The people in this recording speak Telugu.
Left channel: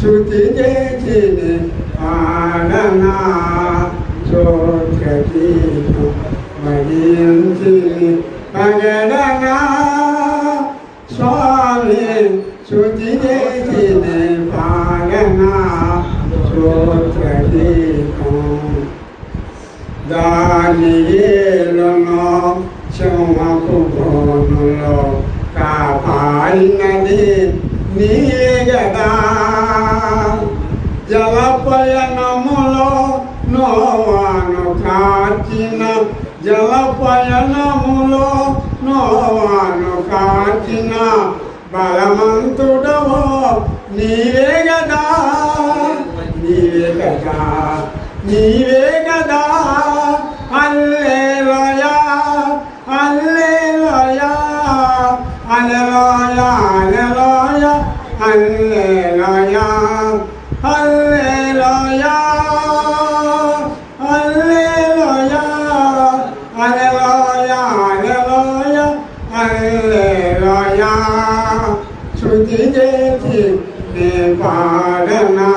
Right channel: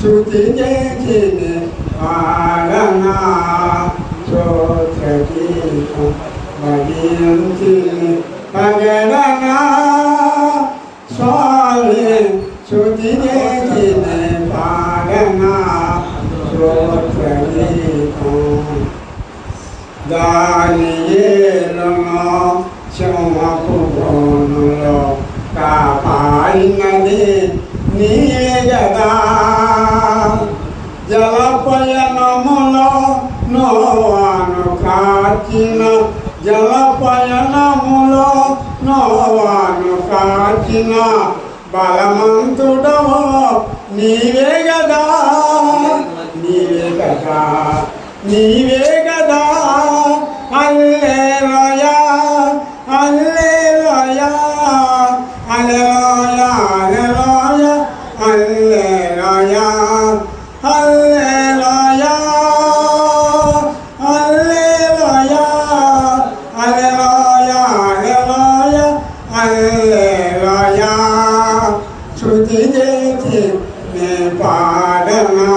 శృతి చేసి పాడనా స్తోత్రగీతం భజించి పగడనా స్వామి శృతి చేసి పాడనా స్తోత్రగీతం దానియేలును సింహపు బోనులో కాపాడినది నీయే గదా జలపయనములో నోవాను కాచిన జలపయనములో నోవాను కాచిన బలవంతుడవో నీవే గదా నీవే గదా నీవే గదా హల్లెలూయా హల్లెలూయా హల్లెలూయా హల్లెలూయా హల్లెలూయా హల్లెలూయా హల్లెలూయా హల్లెలూయా హల్లెలూయా శృతి చేసి పాడనా